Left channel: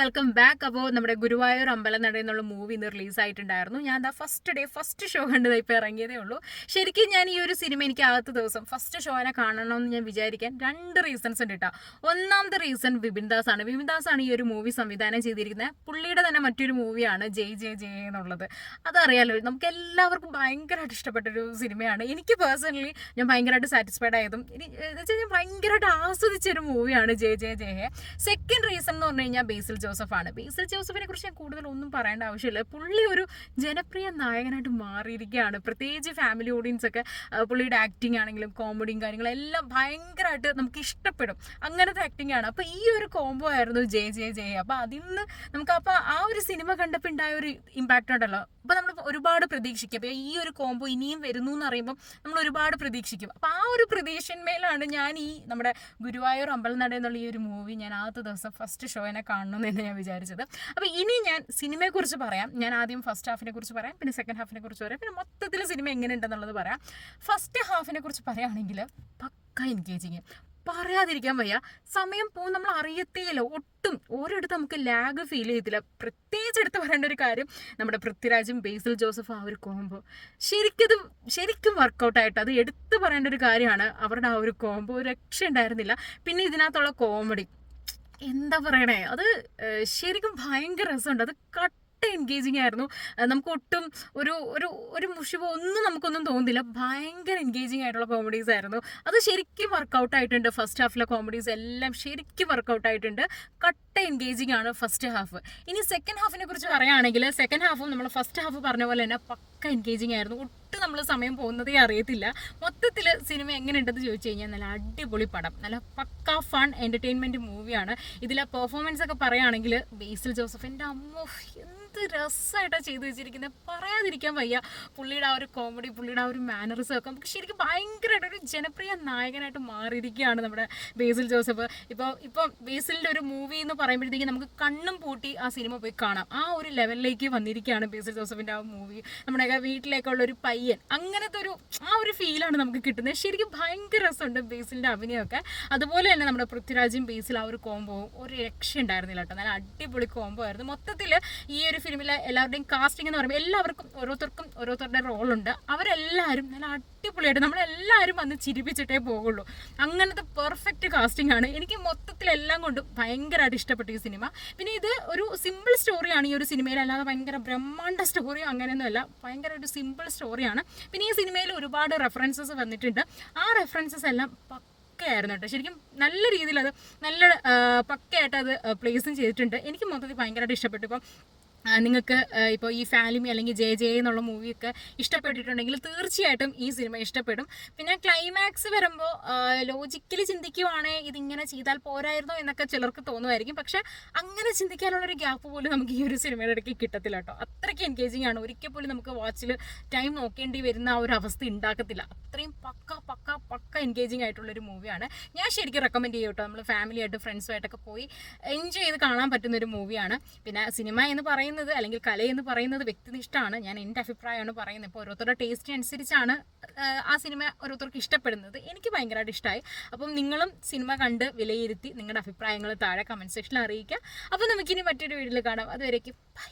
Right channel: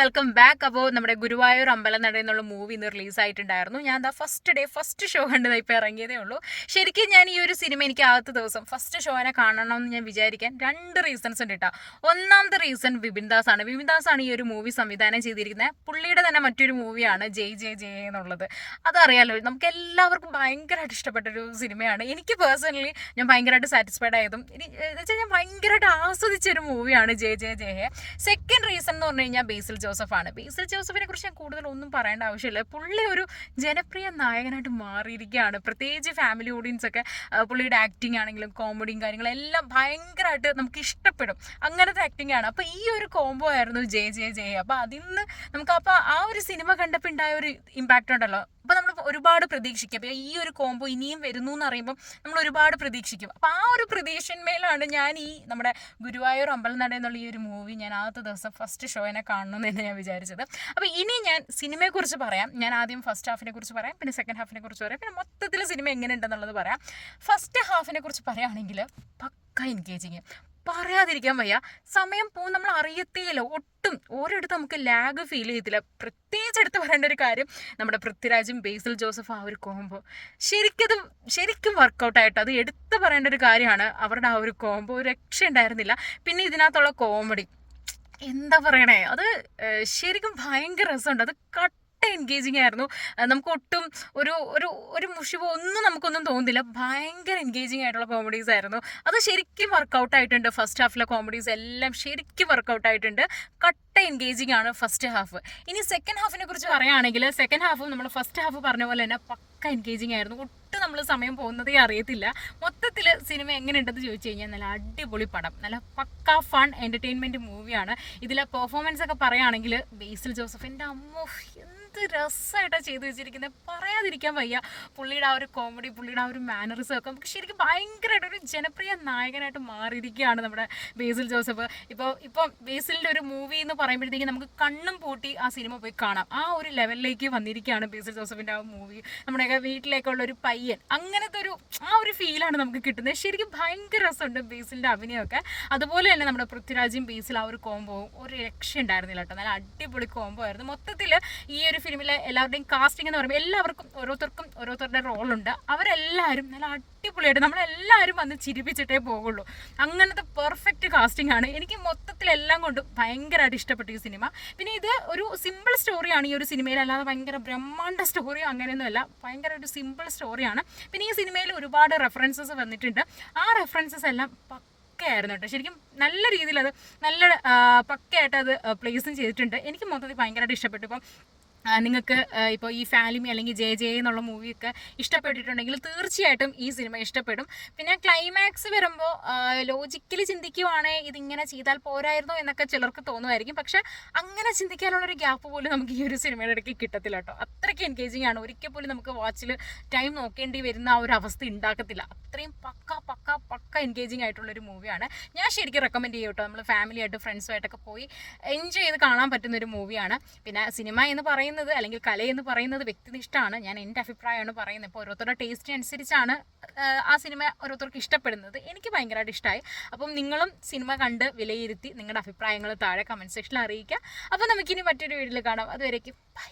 Welcome back. അപ്പോൾ നമ്മുടെ ഗുരുവായൂർ അമ്പലനട എന്നുള്ള മൂവി ഇന്ന് റിലീസായിട്ടുണ്ടായിരുന്നു. ഞാൻ എന്താ ഫസ്റ്റ് ഷോ കണ്ടത് ഇപ്പോൾ ഇറങ്ങിയതേ ഉള്ളൂ. ശരിക്കും ഞാൻ ഈ ഒരു സിനിമ എനിക്ക് ആദ്യത്തെ ദിവസം ഫസ്റ്റ് ഷോനെ കാണണമെന്ന് ഞാൻ വിചാരിക്കാൻ രണ്ട് റീസൺസ് ഉണ്ട് കേട്ടോ. ഒന്നാമത്തെ റീസൺ വിപിൻ ദാസ് ആണ് ഈ ഒരു മൂവി സംവിധാനം ചെയ്തിരിക്കുന്നത്. പുള്ളിയുടെ തന്നെ മറ്റൊരു മൂവിയാണ് ജയ് ജയ് ജയ് എന്നുള്ളത്. അതറിയാലോ, നമുക്ക് എല്ലാവർക്കും ഭയങ്കരമായിട്ട് ഇഷ്ടപ്പെട്ടൊരു സിനിമയാണ്. എനിക്ക് പേഴ്സണലി ഞാൻ ഭയങ്കരമായിട്ട് സാറ്റിസ്ഫൈഡ് ആയതും ഞാൻ ഭയങ്കരമായിട്ട് ആസ്വദിച്ചൊരു മൂവിയാണ് ജയ് ജയ് ജയ്. സെക്കൻഡ് റീസൺ എന്ന് പറഞ്ഞു കഴിഞ്ഞാൽ ബേസിൽ ജോസഫിനെ കുറിച്ച് ഞാൻ കൂടുതൽ ഒന്നും പറയേണ്ട ആവശ്യമില്ല. പുള്ളി ഒരു ജനപ്രിയ നായകനായിട്ട് മാറിയിരിക്കുകയാണ്. പ്രത്യേകിച്ച് ഫാമിലി ഓഡിയൻസ് ഒക്കെ പുള്ളിയുടെ ആക്ടിങ് ആണെങ്കിലും കോമഡിയും കാര്യങ്ങളും എല്ലാം ഭയങ്കരമായിട്ട് നമുക്ക് ഇഷ്ടപ്പെടും. അങ്ങനത്തെ ആക്ടിങ് ആണ്. അപ്പോൾ ഈ ഒരു കോംബോ ആയിരുന്നു ജയ് ജയ് ജയ്. അപ്പോൾ അതിൽ നിന്ന് നമുക്ക് അപ്പോൾ ആ ഒരു സിനിമ കണ്ടപ്പോൾ ഉണ്ടായ ഒരു ഇമ്പാക്റ്റ് ഉണ്ടല്ലോ, അപ്പോൾ നമ്മൾ ഒരുപാട് പ്രതീക്ഷിക്കും. അപ്പോൾ ഈ ഒരു കോംബോ ഇനിയും വരുന്നു എന്ന് അറിയുമ്പോൾ നമ്മൾ ഒരുപാട് പ്രതീക്ഷിക്കും. അപ്പോൾ ആ ഒരു പ്രതീക്ഷന്മേലാണ് ഞാൻ ഈ നമ്മുടെ ഗുരുവായൂർ അമ്പലനട എന്നുള്ള ഈ ഒരു മൂവി ഞാൻ ആദ്യത്തെ ദിവസം ഫസ്റ്റ് ഷോനെ കാണണമെന്ന് ഞാൻ വിചാരിച്ചത്. അപ്പോൾ ഇനി ഞാൻ സിനിമയെക്കുറിച്ച് പറയാം. ഞാൻ ആദ്യം ഫസ്റ്റ് ഹാഫിനെ കുറിച്ച് പറയാം, പിന്നെ സെക്കൻഡ് ഹാഫിനെ കുറിച്ച് പറയാം, പിന്നെ മൊത്തത്തിൽ സിനിമ എങ്ങനെ ഉണ്ടെന്നുള്ളത് പറയാം. ഫസ്റ്റ് ഹാഫിനെ കുറിച്ച് പറയുകയാണെങ്കിൽ പക്ക എൻഗേജിങ്, പറയാതിരിക്കാൻ വയ്യ. സമയം പോകും നമ്മൾ അറിയത്തേയില്ല. ഒട്ടും ഒരിടത്ത് നമുക്ക് ലാഗ് ഫീൽ ചെയ്യത്തില്ല. പ്രത്യേകിച്ച് എടുത്ത് പറയേണ്ട ഒരു കാര്യം, നമ്മുടെ പൃഥ്വിരാജും ബേസിൽ ജോസഫ് ആ ഒരു കോംബോ ശരിക്കും വർക്കൗട്ടായിട്ട് അത് എടുത്ത് പറയേണ്ട ഒരു കാര്യമാണ്. അവരുടെ ആ ഒരു കോംബോ രക്ഷ ഉണ്ടായിരുന്നില്ല. പിന്നെ ഇതിനകത്തുള്ള കോമഡി എന്താ പറയണേ, അത് ശരിക്കും ഭയങ്കര രസമുണ്ട്. അത് എൻഗേജിങ് ആയിരുന്നു. നമുക്ക് ഒട്ടും ഒരു ഒരു ഒരു മുഷിവോ നമുക്കൊന്നും തോന്നുന്നില്ല. ഭയങ്കര എൻഗേജിങ് ആയിട്ടുള്ള കോമഡീസ് ആയിരുന്നു. അത് ശരിക്കും വർക്കൗട്ട് ആയിട്ടുണ്ട്. ഫസ്റ്റ് ഹാഫിലെ കോമഡീസ് എല്ലാം ശരിക്കും വർക്കൗട്ട് ആയിട്ടുണ്ട്. എൻഗേജിങ് ആണ് ഫസ്റ്റ് ഹാഫ്. ഇനി സെക്കൻഡ് ഹാഫിനെ കുറിച്ച് പറയുകയാണെങ്കിൽ സെക്കൻഡ് ഹാഫും നമ്മൾ ഫസ്റ്റ് ഹാഫ് പറഞ്ഞ പോലെ തന്നെ പക്ക എൻഗേജിങ് ആയിരുന്നു. ഒട്ടും നമ്മൾ സമയം പോകുന്നതേ അറിയത്തില്ല. മൊത്തത്തിൽ സിനിമ എങ്ങനെയുണ്ടെന്ന് ചോദിച്ചു കഴിഞ്ഞാൽ നല്ല അടിപൊളി പടം, നല്ല പക്ക ഫൺ എൻ്റർടൈൻമെൻറ്റ് മൂവിയാണ്. ഇതിലെ പെർഫോമൻസ് ഒക്കെ പറയുകയാണെങ്കിൽ ബേസിൽ ജോസഫ് എൻ്റെ അമ്മോ എന്ത് രസമായിട്ടാണ് ചെയ്തു വെച്ചിരിക്കുന്നത്, പറയാതിരിക്കാൻ വയ്യ. പുള്ളിയുടെ ആ ഒരു കോമഡി, പുള്ളിയുടെ ആ ഒരു മാനറിസം ഒക്കെ നമുക്ക് ശരിക്കും ഭയങ്കരമായിട്ട് ഒരു ജനപ്രിയ നായകനായിട്ട് മാറിയിരിക്കുകയാണ് നമ്മുടെ ബേസിൽ ജോസഫ്. ഇപ്പോൾ ബേസിലിൻ്റെ ഒരു മൂവി എന്ന് പറയുമ്പോഴത്തേക്കും നമുക്ക് കണ്ണും പൂട്ടി ആ സിനിമ പോയി കാണാം. ആ ഒരു ലെവലിലേക്ക് വന്നിരിക്കുകയാണ് ബേസിൽ ജോസഫിൻ്റെ ആ മൂവി. നമ്മുടെയൊക്കെ വീട്ടിലേക്കുള്ള ഒരു പയ്യൻ, അങ്ങനത്തെ ആ ഒരു ഫീലാണ് നമുക്ക് കിട്ടുന്നത്. ശരിക്കും ഭയങ്കര രസമുണ്ട് ബേസിലിൻ്റെ അഭിനയമൊക്കെ. അതുപോലെ തന്നെ നമ്മുടെ പൃഥ്വിരാജും ബേസിൽ ആ ഒരു കോംബോവും ഒരു രക്ഷ ഉണ്ടായിരുന്നില്ല കേട്ടോ. നല്ല അടിപൊളി കോംബോ ആയിരുന്നു. മൊത്തത്തിൽ ഈ ഒരു ഫിലിമിലെ എല്ലാവരുടെയും കാസ്റ്റിംഗ് എന്ന് പറയുമ്പോൾ എല്ലാവർക്കും ഓരോരുത്തരുടെ റോളുണ്ട്. അവരെല്ലാവരും നല്ല അടിപൊളിയായിട്ട് നമ്മളെല്ലാവരും വന്ന് ചിരിപ്പിച്ചിട്ടേ പോകുള്ളൂ. അങ്ങനത്തെ പെർഫെക്റ്റ് കാസ്റ്റിംഗ് ആണ്. എനിക്ക് മൊത്തത്തിലെല്ലാം കൊണ്ടും ഭയങ്കരമായിട്ട് ഇഷ്ടപ്പെട്ടു ഈ സിനിമ. പിന്നെ ഇത് ഒരു സിമ്പിൾ സ്റ്റോറിയാണ് ഈ ഒരു സിനിമയിൽ, അല്ലാതെ ഭയങ്കര ബ്രഹ്മാണ്ഡ സ്റ്റോറി അങ്ങനെയൊന്നുമല്ല. ഭയങ്കര ഒരു സിമ്പിൾ സ്റ്റോറിയാണ്. പിന്നെ ഈ സിനിമയിൽ ഒരുപാട് റെഫറൻസസ് വന്നിട്ടുണ്ട്. ആ റെഫറൻസസ് എല്ലാം പക്കയായിരുന്നു കേട്ടോ. ശരിക്കും നല്ല രീതിയിൽ അത് നല്ല പക്കയായിട്ട് അത് പ്ലേസും ചെയ്തിട്ടുണ്ട്. എനിക്ക് മൊത്തത്തിൽ ഭയങ്കരമായിട്ട് ഇഷ്ടപ്പെട്ടു. ഇപ്പം നിങ്ങൾക്ക് ഇപ്പോൾ ഈ ഫാലിമി അല്ലെങ്കിൽ ജെ ജെ എന്നുള്ള മൂവിയൊക്കെ ഇഷ്ടപ്പെട്ടിട്ടുണ്ടെങ്കിൽ തീർച്ചയായിട്ടും ഈ സിനിമ ഇഷ്ടപ്പെടും. പിന്നെ ക്ലൈമാക്സ് വരുമ്പോൾ ലോജിക്കലി ചിന്തിക്കുവാണെങ്കിൽ ഇതിങ്ങനെ ചെയ്താൽ പോരായിരുന്നോ എന്നൊക്കെ ചിലർക്ക് തോന്നുമായിരിക്കും. പക്ഷെ അങ്ങനെ ചിന്തിക്കാനുള്ളൊരു ഗ്യാപ്പ് പോലും നമുക്ക് ഈ ഒരു സിനിമയുടെ ഇടയ്ക്ക് കിട്ടത്തില്ല കേട്ടോ. അത്രയ്ക്ക് എൻഗേജിങ് ആണ്. ഒരിക്കൽ പോലും നമുക്ക് വാച്ചിൽ ടൈം നോക്കേണ്ടി വരുന്ന ആ ഒരു അവസ്ഥ ഉണ്ടാക്കത്തില്ല. അത്രയും പക്ക എൻഗേജിങ് ആയിട്ടുള്ളൊരു മൂവിയാണ്. ഞാൻ ശരിക്കും റെക്കമെൻഡ് ചെയ്യും കേട്ടോ. നമ്മൾ ഫാമിലിയായിട്ട് ഫ്രണ്ട്സുമായിട്ടൊക്കെ പോയി എൻജോയ് ചെയ്ത് കാണാൻ പറ്റുന്നൊരു മൂവിയാണ്. പിന്നെ സിനിമ എന്ന് പറയുന്നത് അല്ലെങ്കിൽ കല എന്ന് പറയുന്നത് വ്യക്തിനിഷ്ഠമാണ്. ഞാൻ എൻ്റെ അഭിപ്രായമാണ് പറയുന്നത്. ഇപ്പോൾ ഓരോരുത്തരുടെ ടേസ്റ്റിന് അനുസരിച്ചാണ് ആ സിനിമ ഓരോരുത്തർക്ക് ഇഷ്ടപ്പെടുന്നത്. എനിക്ക് ഭയങ്കരമായിട്ട് ഇഷ്ടമായി. അപ്പം നിങ്ങളും സിനിമ കണ്ട് വിലയിരുത്തി നിങ്ങളുടെ അഭിപ്രായങ്ങൾ താഴെ കമൻറ്റ് സെക്ഷനിൽ അറിയിക്കുക. അപ്പോൾ നമുക്കിനി മറ്റൊരു വീഡിയോയിൽ കാണാം. അതുവരേക്കും ബൈ.